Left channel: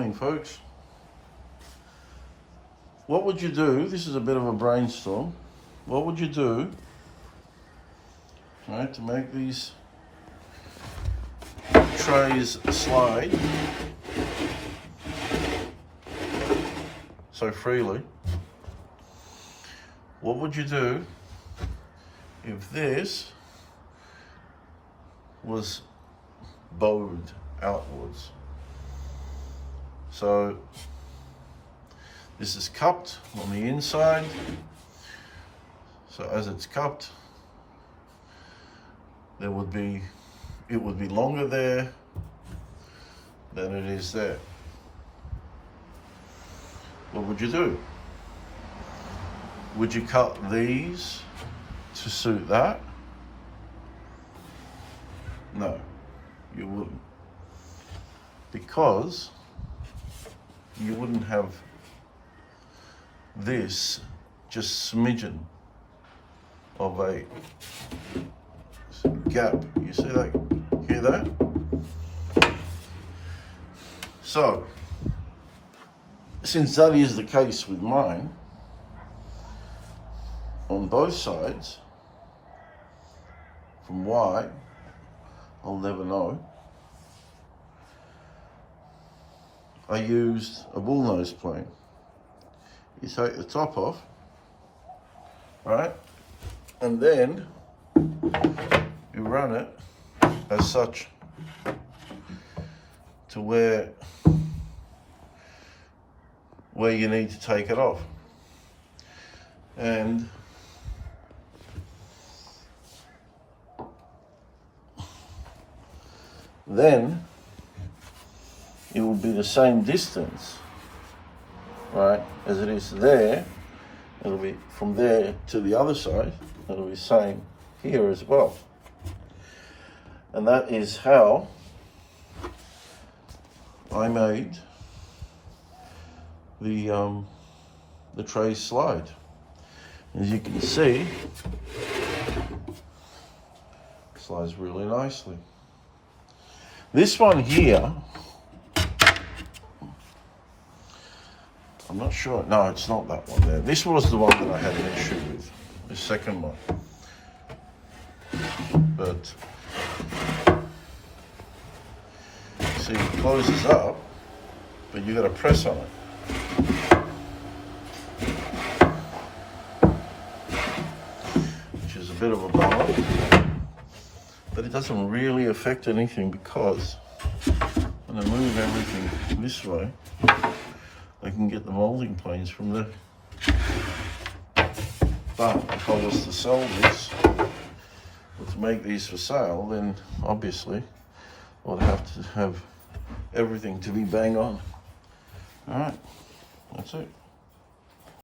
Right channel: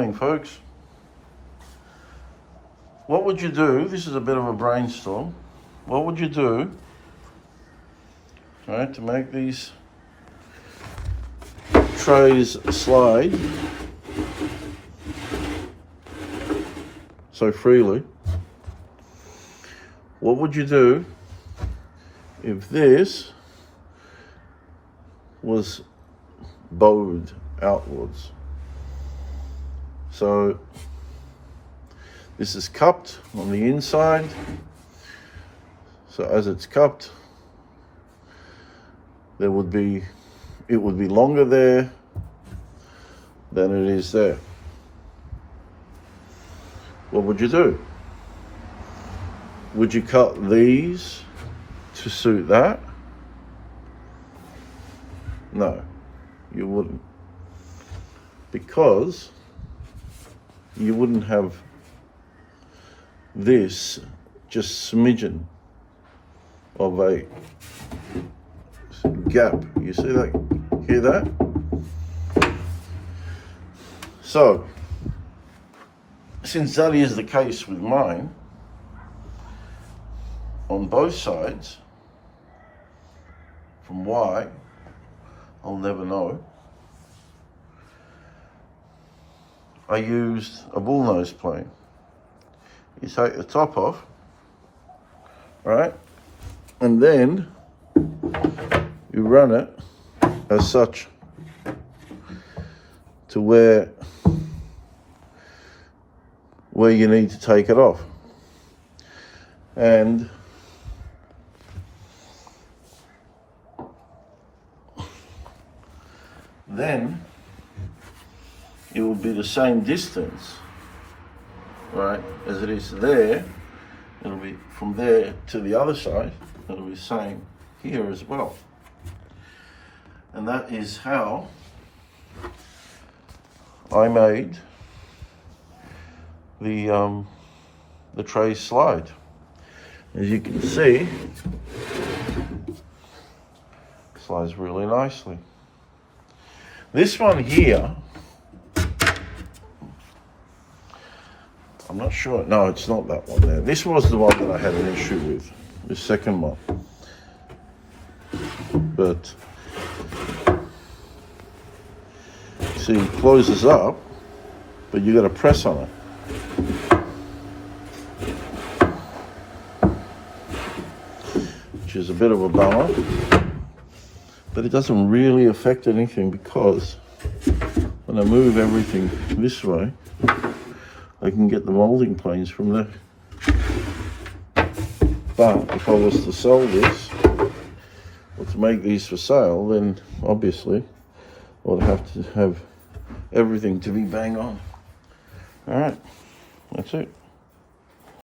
morning, folks. What would you do? This is a bit of a brainstorm. What would you do, right, to make these trays slide so freely? What would you do if this was bowed outwards? So this is cupped on the inside. So as it's cupped, it would be longer there than it is there. What would you do? Would you cut these to suit that? No, you wouldn't. Because you wouldn't have this just smidgen of a gap. You see that? Hear that? So, since that is the case with mine, on both sides, from why, I'll never know, I used a bullnose plane. You take the top off, right, and then you run it as such to where you need to take it off. And then it will be the same distance, right, as it is there. It'll be from there to the other side. It'll be the same here as well. And that is how I made the tray slide. As you can see, it slides really nicely. This one here, I'm not sure. No, it's not that one there. This was the one that I had an issue with, the second one. But, see, it closes up, but you got to press on it. Which is a bit of a bummer, but it doesn't really affect anything because when I move everything this way, I can get the molding planes from there. But if I was to sell this, or to make these for sale, then obviously I would have to have everything to be bang on. All right, that's it.